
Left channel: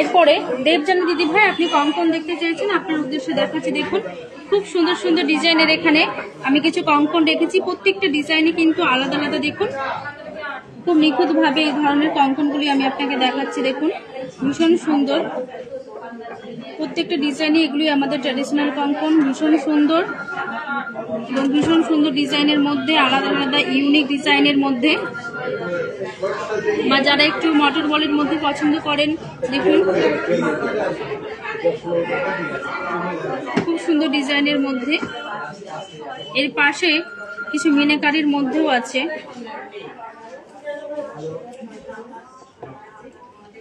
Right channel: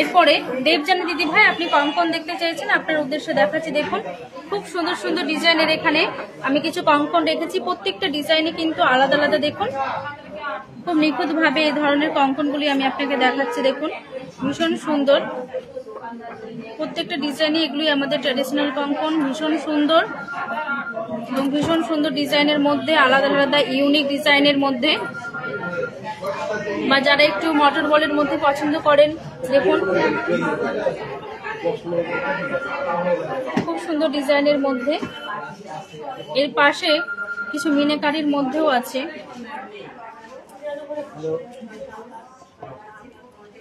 এরপরে দেবজানী দিদি ভাই, আপনি কঙ্কন দেখতে চেয়েছেন, আপনার উদ্দেশ্যে দেখাচ্ছি। দেখুন খুব সুন্দর সুন্দর ডিজাইনের এখানে আমি কিছু কঙ্কন রেখেছি। প্রত্যেকটা ডিজাইনে কিন্তু আলাদা আলাদা। দেখুন খুব নিখুঁত ভাবে এই ধরনের কঙ্কনগুলি আমি আপনাকে দেখাচ্ছি। দেখুন ভীষণ সুন্দর। প্রত্যেকটা ডিজাইনই এগুলি আমাদের ট্র্যাডিশনাল কঙ্কন, ভীষণ সুন্দর এবং ভীষণ সুন্দর ডিজাইনের মধ্যে, আলাদা আলাদা ইউনিক ডিজাইনের মধ্যে। বা যারা একটু মটর বলের মধ্যে পছন্দ করেন, দেখুন খুব সুন্দর ডিজাইনের মধ্যে। এর পাশে কিছু মিনাকারির মধ্যেও আছে,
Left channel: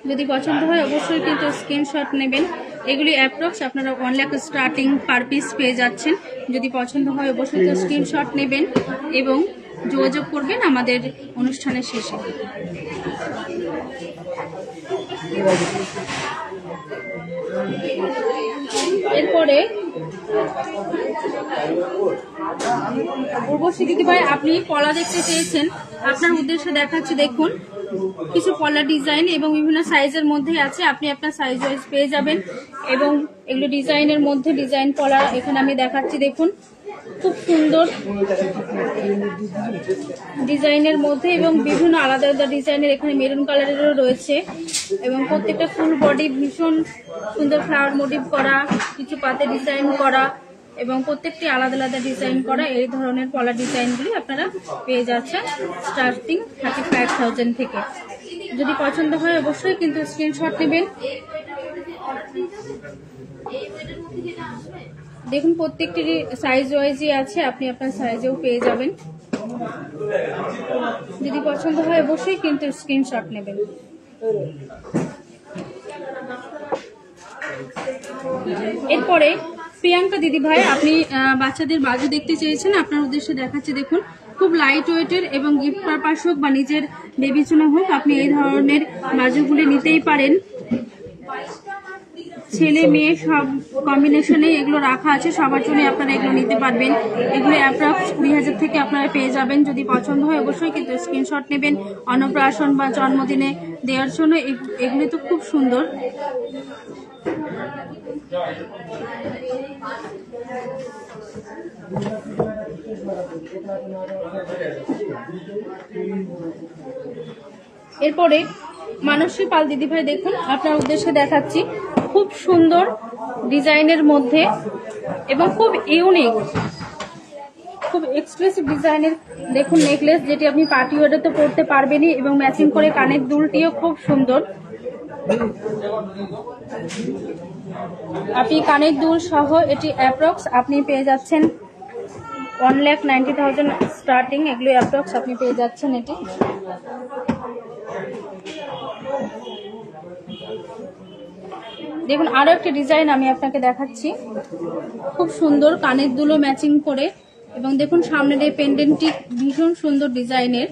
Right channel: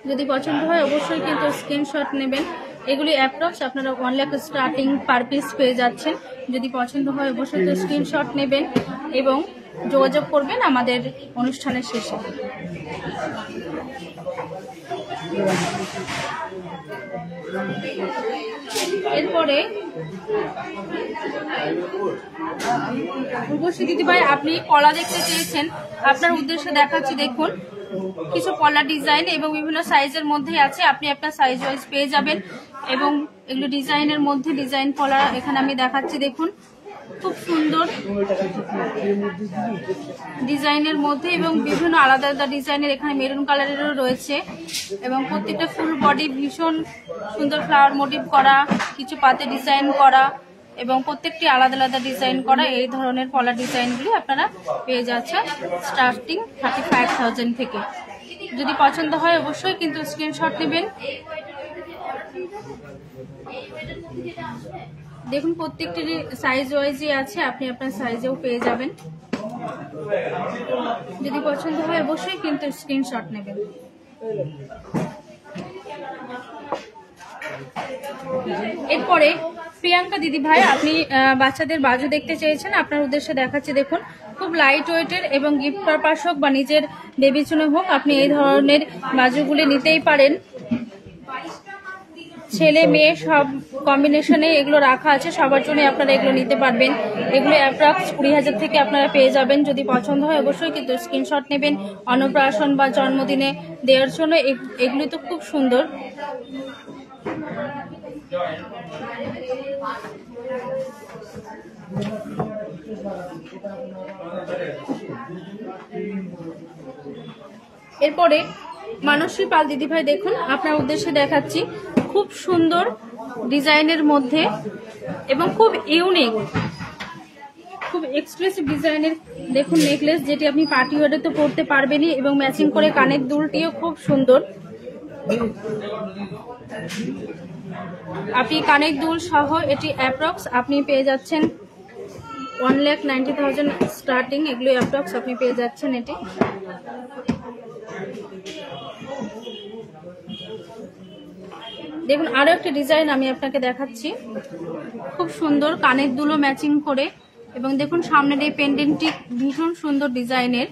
যদি পছন্দ হয় অবশ্যই কিন্তু স্ক্রিনশট নেবেন। এগুলি অ্যাপ্রক্স আপনারা 1 লাখ স্টার্টিং পার পিস পেয়ে যাচ্ছেন। যদি পছন্দ হয় অবশ্যই স্ক্রিনশট নেবেন এবং যোগাযোগ করবেন আমাদের অনুষ্ঠানের শেষে। এরপরে উর্বশী দিদিভাই, আপনি পলা দেখতে চেয়েছেন, আপনার উদ্দেশ্যে দেখাচ্ছি। দেখুন কিছু পলা ডিজাইন এবং বিভিন্ন সাইজের মধ্যে আছে, আপনি আপনার সাইজ ওয়াইজ পেয়ে যাবেন। এবং এগুলো ডিজাইনের মধ্যে ডিজাইন পলা এখানে আমি দেখাচ্ছি। দেখুন খুব সুন্দর ডিজাইনের মধ্যে এবং বিভিন্ন আলাদা আলাদা ডিজাইনের, এখানে মেরুন কালারেরও রয়েছে এবং প্রত্যেকটা ফুল বডি ভীষণ সুন্দর ফ্লাওয়ার মোটিভ করা, কিছু পাতে ডিজাইন করা এবং প্রত্যেকটি আলাদা আলাদা ডিজাইন করা। এই ধরনের পলা ডিজাইনগুলি আপনারা পেয়ে যাচ্ছেন স্টার্টিং 35,000 থেকে। যদি পছন্দ হয় অবশ্যই কিন্তু স্ক্রিনশট নেবেন। দেখুন প্রত্যেকটি সাইজ ওয়াইজই আছে, আপনি আপনার সাইজেও পেয়ে যাবেন। যদি পছন্দ হয় অবশ্যই কিন্তু স্ক্রিনশট নেবেন। এরপরে প্রিয়াঙ্কা দিদি ভাই, আপনি বাচ্চাদের বাজু দেখতে চেয়েছেন, আপনার উদ্দেশ্যে দেখাচ্ছে। দেখুন খুব লাইট ওয়েটের এবং গিফট পারপাস হোক বা নিজের বেবি চুনে হোক, আপনি এই ধরনের বাজুগুলি নিতেই পারেন। ছেলে মেয়ে সব কম্বিনেশনে এগুলো রাখা আছে, সবার জন্য আপনারা এগুলো নিতে পারবেন। এগুলো অ্যাপ্রক্স 20,000 থেকে আপনারা পেয়ে যাবেন। যদি পছন্দ হয় অবশ্যই কিন্তু স্ক্রিনশট নেবেন। অন্নপ্রাশন বা জন্মদিনে দেওয়ার জন্য এগুলি তো খুব সুন্দর। এরপরে মানসী পাল দিদিভাই, দেখুন আপনার উদ্দেশ্যে দেখাচ্ছি খুব সুন্দর ডিজাইনের মধ্যে এবং খুব ইউনিক, খুব এক্সক্লুসিভ ডিজাইনের দেখুন নেকলেস, যেটি আপনি পার্টি ওয়ারে তো পরতে পারবেনই এবং ম্যাচিং করে কানের দুলটিও খুব সুন্দর। আপনি কানের দুল সহ এটি অ্যাপ্রক্স আপনি পেয়ে যাচ্ছেন 1,90,000 স্টার্টিং। এগুলো অ্যাপ্রক্স আপনি পেয়ে যাচ্ছেন এটি। দেখুন আরো একটা ডিজাইন আমি আপনাকে দেখাচ্ছি, খুব সুন্দর কানের দুলো ম্যাচিং করে এবং দেখুন সামনের এই পেন্ডেন্টটি ভীষণ সুন্দর ডিজাইনের।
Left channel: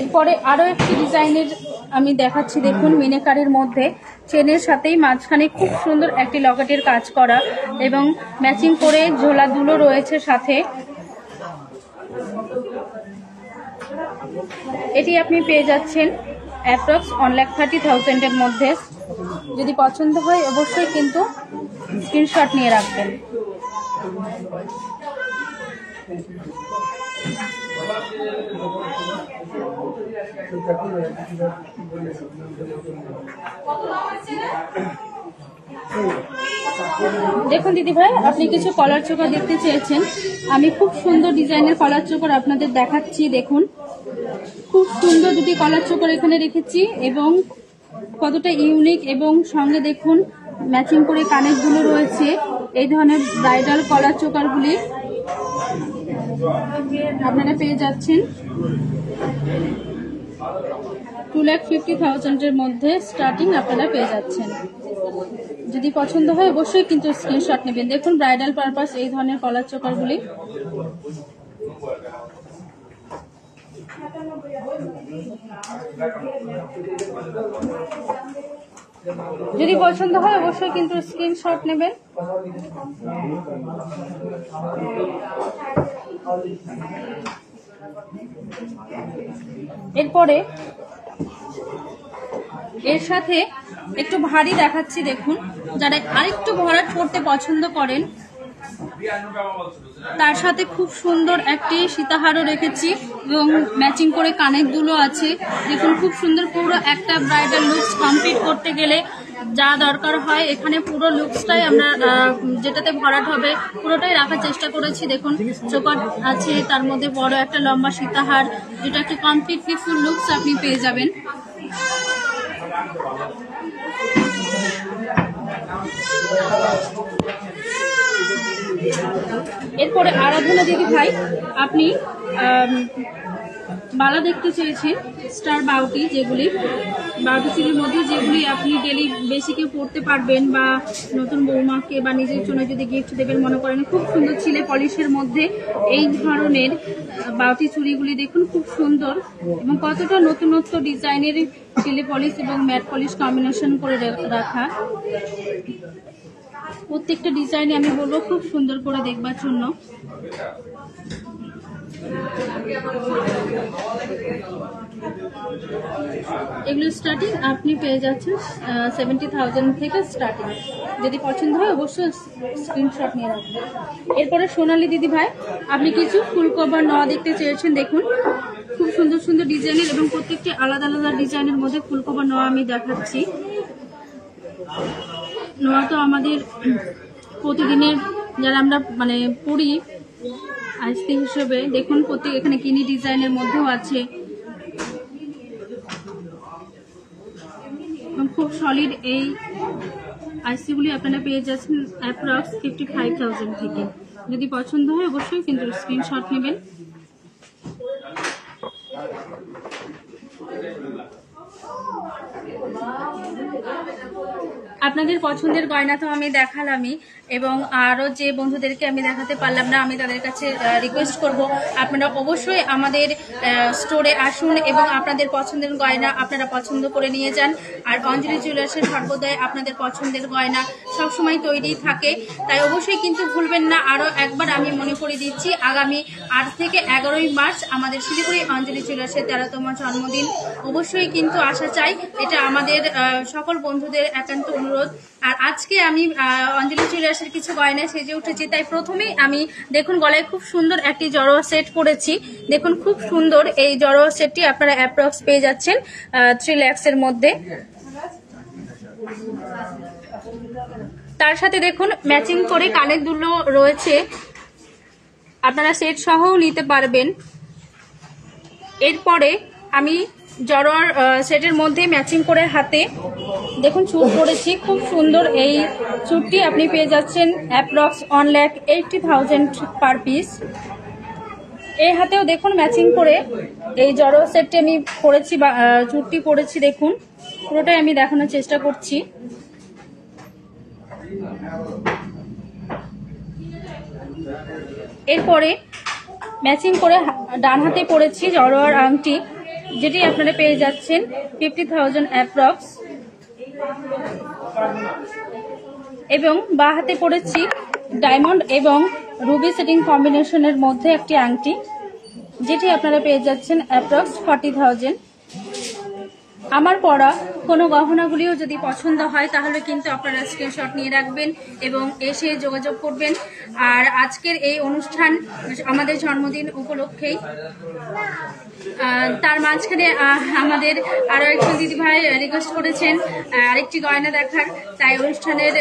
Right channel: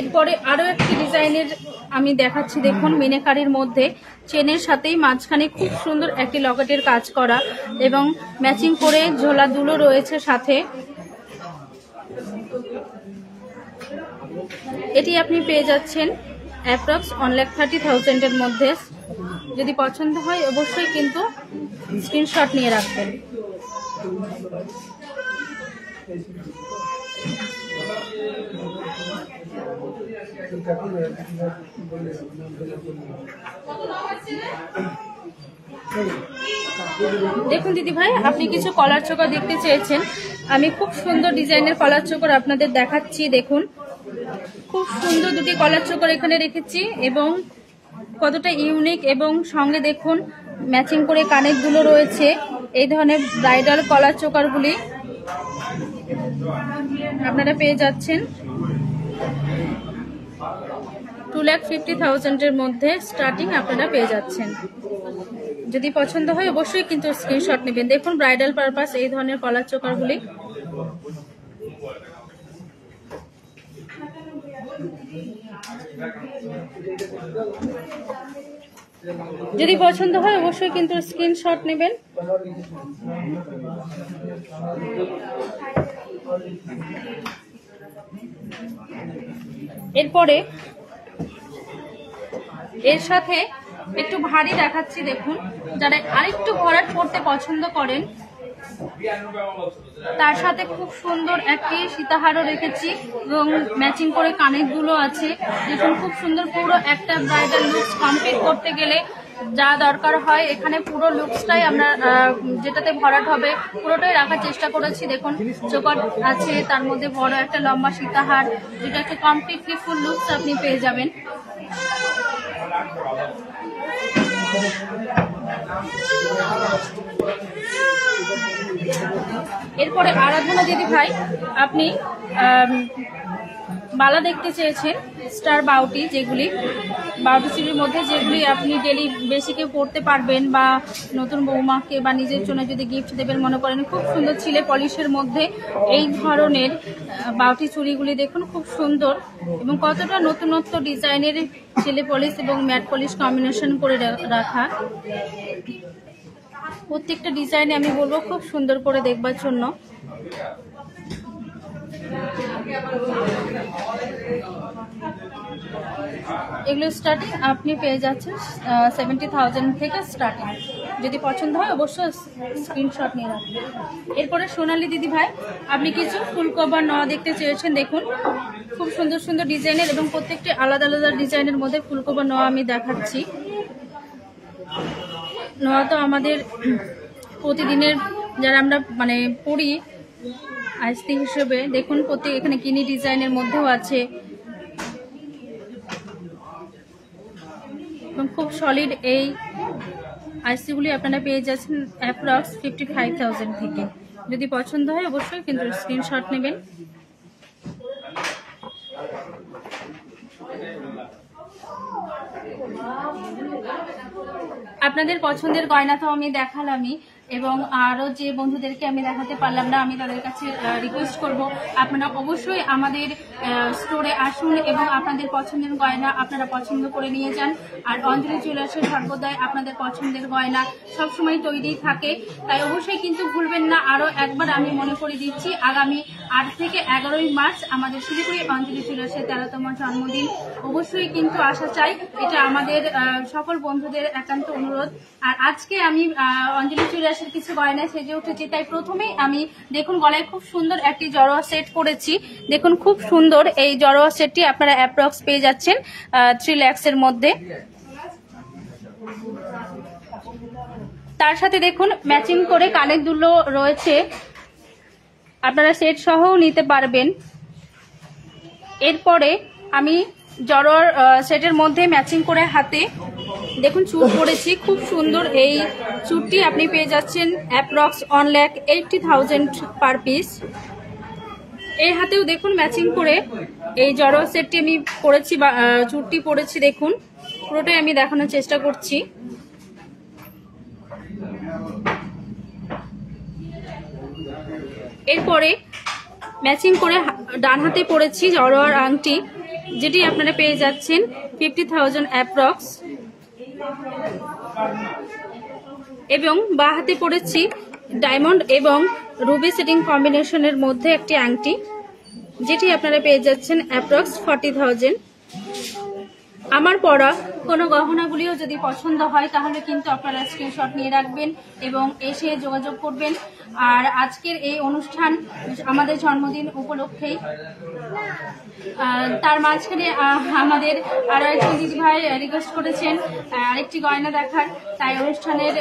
এরপরে আরো একটি ডিজাইনের আমি দেখাচ্ছি। দেখুন মিনেকারির মধ্যে চেনের সাথেই মাঝখানে খুব সুন্দর একটি লকেটের কাজ করা এবং ম্যাচিং করে ঝোলা দুলো রয়েছে সাথে। এটি আপনি পেয়ে যাচ্ছেন অ্যাপ্রক্স 1,30,000 এর মধ্যে। যদি পছন্দ হয় অবশ্যই কিন্তু স্ক্রিনশট নিয়ে রাখবেন। দেখুন দিদি ভাই, আপনি কিছু কলার চোকার দেখতে চেয়েছেন, আমি খুব সুন্দর ডিজাইনের কলার চোকার আপনাদের দেখাচ্ছি। দেখুন খুব সুন্দর দুটি কলার চোকার এখানে রেখেছি এবং কতটা ইউনিক এবং সঙ্গে দেখুন ম্যাচিং করে কানের দুলো রয়েছে। এই ধরনের ব্রাইডাল কলার চোকারগুলি আপনারা পেয়ে যাচ্ছেন 2,50,000 এর মধ্যে স্টার্টিং আপনারা পেয়ে যাচ্ছেন। যদি পছন্দ হয় অবশ্যই কিন্তু স্ক্রিনশট নেবেন। দেখুন ব্রাইডাল পারপাস এই ধরনের কলার চোকারগুলি। যদি পছন্দ হয় অবশ্যই কিন্তু স্ক্রিনশট নেবেন। এরপরে এর সাথে একটু ভারী দেখাচ্ছি। দেখুন যারা আরেকটু ভরাট করতে পছন্দ করেন তার সাথে খুব সুন্দর একটি সীতাহারও রেখেছি এবং ম্যাচিং করে কানের দুলও আছে। দেখুন খুব সুন্দর, পুরো একটা ব্রাইডাল লুকস কমপ্লিট করতে গেলে যা দরকার হয় এখানে পুরো লুকসটাই আমরা যেটাতে ভরাট হবে পুরোটাই রাখার চেষ্টা করেছি। দেখুন চোকার আছে, তার মধ্যে বড় একটা লম্বা সীতাহার, যেটা একটা কমপ্লিটলি ফুল লুকস আপনি পেয়ে যাবেন। এরপরে আরাধনা দিদি ভাই, আপনি বালা দেখতে চেয়েছেন স্টার বাউটি, যেগুলি বাউটি চুরির মধ্যে যেগুলি আপনি ডেলি বেসিকে পড়তে পারবেন বা নতুন বৌমাকে বা নিজের জন্য যদি গিফট দেবেন মনে করেন, খুব সুন্দর ছিলে পলিশের মধ্যে এই ধরনের বাউটি চুড়িগুলি দেখুন খুব সুন্দর এবং কতটা নতুনত্ব ডিজাইনের ছিলে পলিশ এবং ম্যাট পলিশ কম্বিনেশন করে রাখা। প্রত্যেকটা ডিজাইনে আমি বলবো খুব সুন্দর করে দেখবার জন্য। এগুলো স্টার্টিং আপনি পেয়ে যাচ্ছেন 70,000 থেকে স্টার্টিং। যদি পছন্দ হয় অবশ্যই স্ক্রিনশট নিয়ে রাখবেন। এরপরে সোনালী দিদি ভাই, আপনি কিছু ফুল কভার নেওয়া দেখতে চেয়েছেন। দেখুন খুব সুন্দর সুন্দর ডিজাইনের এবং প্রত্যেকটি আলাদা আলাদা ডিজাইনের মধ্যে ফুল কভার নেওয়া আমি দেখাচ্ছি। নেওয়া তো আমাদের প্রতিদিনের যারা আমরা পড়ি আস্তি হিসেবে। দেখুন প্রত্যেক এখানে কিনি ডিজাইনের মধ্যেও আছে এবং খুব সলিড এই আইসিগুলি আপনারা পেয়ে যাচ্ছেন অ্যাপ্রক্স 55,000 থেকে। যদি পছন্দ হয় অবশ্যই কিন্তু স্ক্রিনশট নেবেন। আপনাদের পছন্দের গয়না তো আমি দেখালামই এবং আরও যে বন্ধুদেরকে আমি দেখাতে পারলাম না, আমি তাদের কাছে রিকোয়েস্ট করব আপনারা অবশ্যই আমাদের স্টোরে আসুন এবং আপনাদের পছন্দের গয়না আপনারা পছন্দ করে নিয়ে যান। আর অঞ্জলি জুয়েলার্সের সর্বদাই আপনাদের পছন্দের গয়না সবসময় তৈরি থাকে, তাই অবশ্যই কিন্তু ভুলবেন না। আরও একবার আমি মনে করে দিচ্ছি, আগামী 8 থেকে 11ই মার্চ আমাদের শিলিগুড়ি অঞ্জলি জুয়েলার্সের 13তম জন্মদিন। অবশ্যই কিন্তু আসা চাই, এটা আমাদের সকল বন্ধুদের একান্ত অনুরোধ। আর আজকে আমি অঞ্জলি জুয়েলার্সের কিছু গয়না সেজে উঠেছি, তাই প্রথমেই আমি দেখুন গলায় খুব সুন্দর একটি জড়োয়া সেট করেছি। দেখুন খুব সুন্দর এই জড়োয়া সেটটি আপনারা অ্যাপ্রক্স পেয়ে যাচ্ছেন 3 lakhs-এর মধ্যে। তার সাথে দেখুন ম্যাচিং করে কানের দুলো রয়েছে, আপনারা সেট সহও নিতে পারবেন। এরপরে আমি জড়োয়ার সেটের মধ্যে ম্যাচিং করে হাতে দেখুন চুড় পরেছি, খুব সুন্দর এই চুড়টি আপনি পেয়ে যাচ্ছেন অ্যাপ্রক্স 1,80,000 পার পিস। এই হাতেও দেখুন ম্যাচিং করে এই জড়োয়া সেটটি আমি পরেছি বা চুড়টি পরেছি। দেখুন পুরোটাই আমি দেখানোর চেষ্টা করছি। এরপরে ম্যাচিং করে ডান হাতে পরেছি জড়োয়ার আংটি, যেটি আপনারা পেয়ে যাচ্ছেন 50,000 অ্যাপ্রক্স। এবং বাঁ হাতে পরেছি ডায়মন্ড এবং রুবি সেটিং কম্বিনেশনের মধ্যে একটি আংটি, যেটি আপনারা পেয়ে যাচ্ছেন অ্যাপ্রক্স 40,000। আমার পরা কোনো গহনাগুলিও যদি পছন্দ হয় তাহলে কিন্তু আপনারা স্ক্রিনশট নিয়ে রাখবেন এবং এসে যোগাযোগ করবেন। আর আজকের এই অনুষ্ঠান আমাদের জন্মদিন উপলক্ষেই, তার মাঝখানে আমাদের আরো একজন দিদিভাই রিকোয়েস্ট করেছেন আরেকটি গয়না দেখার, তাই অনুষ্ঠানের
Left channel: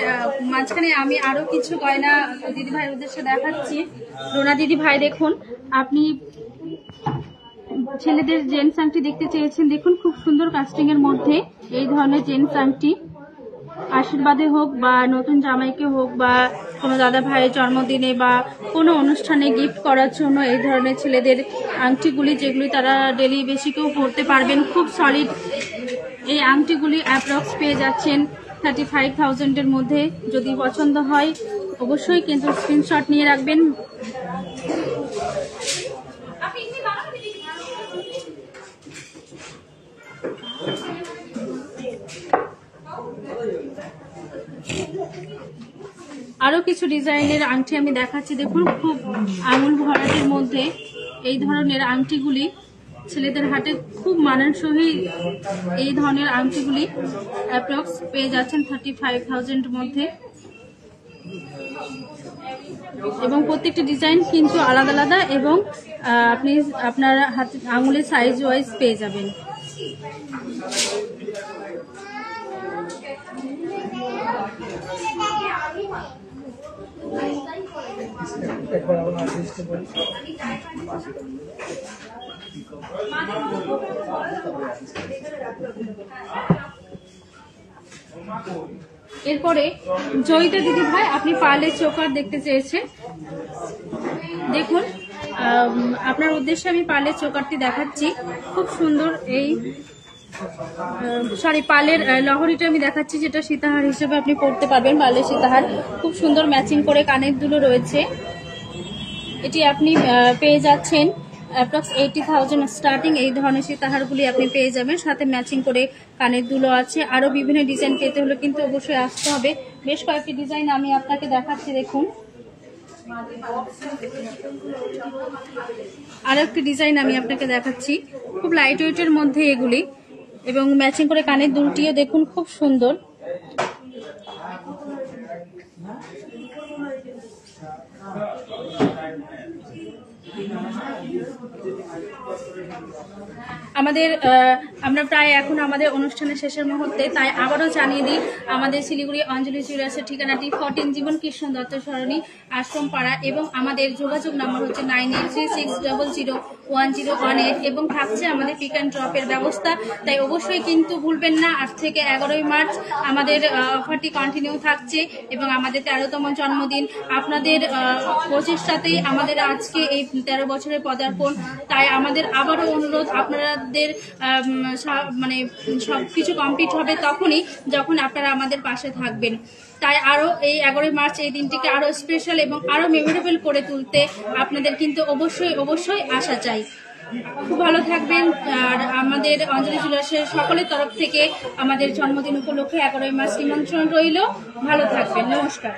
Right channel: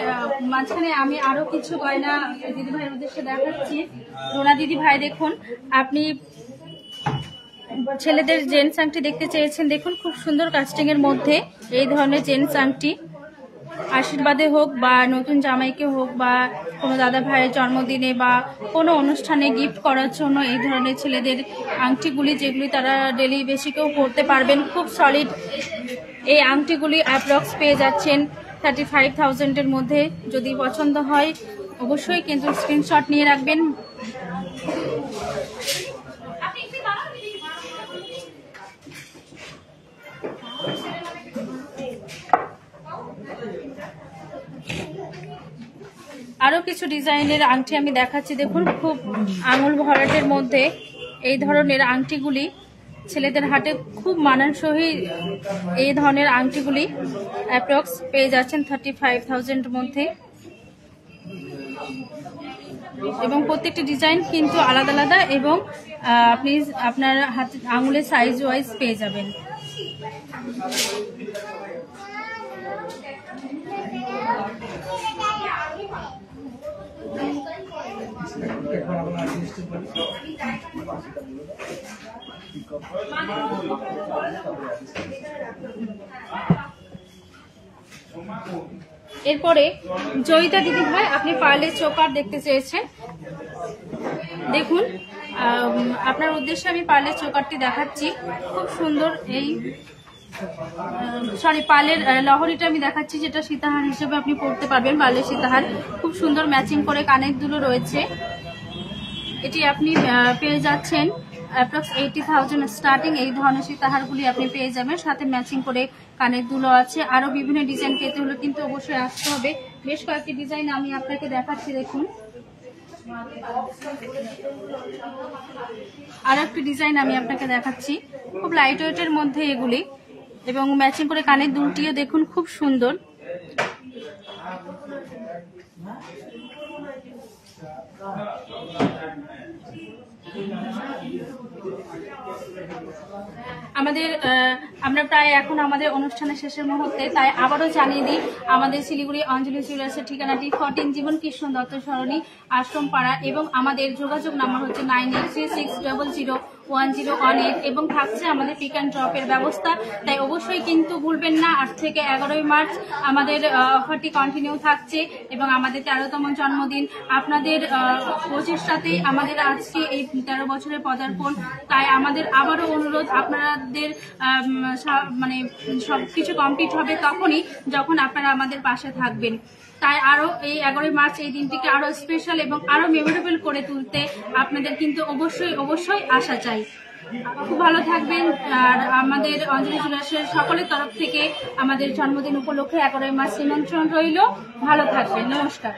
মাঝখানে আমি আরো কিছু গয়না দিদিভাইয়ের উদ্দেশ্যে দেখাচ্ছি। রোনা দিদিভাই দেখুন, আপনি ছেলেদের জেন্টস আংটি দেখতে চেয়েছেন। দেখুন খুব সুন্দর কাস্টিং এর মধ্যে এই ধরনের জেন্টস আংটি, আশীর্বাদে হোক বা নতুন জামাইকে হোক বা কোনো দাদা ভাইয়ের জন্মদিনে বা কোনো অনুষ্ঠানে গিফট করার জন্য এই ধরনের ছেলেদের আংটিগুলি, যেগুলি তারা ডেলি বেসিকেও পরতে পারবেন, খুব সলিড এই আংটিগুলি অ্যাপ্রক্স পেয়ে যাচ্ছেন 35,000-এর মধ্যে। যদি পছন্দ হয় অবশ্যই কিন্তু স্ক্রিনশট নিয়ে রাখবেন। আরো কিছু ডিজাইনের আংটি আমি দেখাচ্ছি। দেখুন খুব আঙুল ভরাটের মধ্যে এই ধরনের আংটিগুলি ছেলেদের হাতে খুব মানানসই। এই ধরনের আংটিগুলি অ্যাপ্রক্স পেয়ে যাচ্ছেন 35,000-এর মধ্যে। এবং প্রত্যেকটা ডিজাইন কিন্তু আলাদা আলাদা এবং আপনি আপনার হাতে আঙুলের সাইজ ওয়াইজ পেয়ে যাবেন। এরপরে জয়িতা দিদি ভাই আপনি পার্লের চোকার দেখতে চেয়েছেন, দেখুন আপনার উদ্দেশ্যে আমি পার্লের চোকারটি দেখাচ্ছি। খুব সুন্দর এই পার্লের লহরিটা আমি দেখাচ্ছি, যেটা সীতাহার হিসেবে আপনি পরতে পারবেন। পার্লের সীতাহার খুব সুন্দর ম্যাচিং করে কানের দুলো রয়েছে। এটি আপনি পেয়ে যাচ্ছেন অ্যাপ্রক্স 80,000 স্টার্টিং। এই ধরনের সীতাহারগুলি আপনি পেয়ে যাবেন, সাথে ম্যাচিং করে কানের দুলো আছে। আরো বিভিন্ন ডিজাইন পেতে হলে কিন্তু অবশ্যই আসতে হবে। বেশ কয়েকটি ডিজাইন আমি আপনাকে দেখাচ্ছি, দেখুন। আর একটি ডিজাইন আমি আপনাকে দেখাচ্ছি, খুব লাইট ওয়েটের মধ্যে এগুলি, এবং ম্যাচিং করে কানের দুলটিও দেখুন খুব সুন্দর। আমরা প্রায় এখন আমাদের অনুষ্ঠানের শেষের মুহূর্তে, তাই আবারও জানিয়ে দিই আমাদের শিলিগুড়ি অঞ্জলি জুয়েলার্সের ঠিকানাটি 14 জীবন কৃষ্ণ দত্ত সরণি, আশ্রম পাড়া, এবং আমাদের যোগাযোগ নম্বর হচ্ছে 9836001018 এবং থাকছে আমাদের পিক অ্যান্ড ড্রপের ব্যবস্থা। তাই অবশ্যই কিন্তু ভুলবেন না, 8 থেকে 11 মার্চ আমাদের অফারটি কন্টিনিউ থাকছে এবং আমাদের 13তম জন্মদিন। আপনাদের প্রচেষ্টাতেই আমাদের আজকে এই 13 বছরের পদার্পণ। তাই আমাদের আবারও অনুরোধ, আপনাদের মানে সবকিছু কমপ্লিট হবে তখনই যখন আপনারা আমাদের পাশে থাকবেন। তাই আরো এই 11 মার্চ এই দিনটিকে আরো স্পেশাল এবং আরো মেমোরেবল করে তুলতে আপনাদের কিন্তু অবশ্যই আসা চাই। খুব ভালো থাকবেন। আর আমাদের অঞ্জলি জুয়েলার্সের সকলের তরফ থেকে আমাদের জন্মদিন উপলক্ষে 11 মার্চ নিমন্ত্রণ রইল। ভালো থাকবেন, নমস্কার।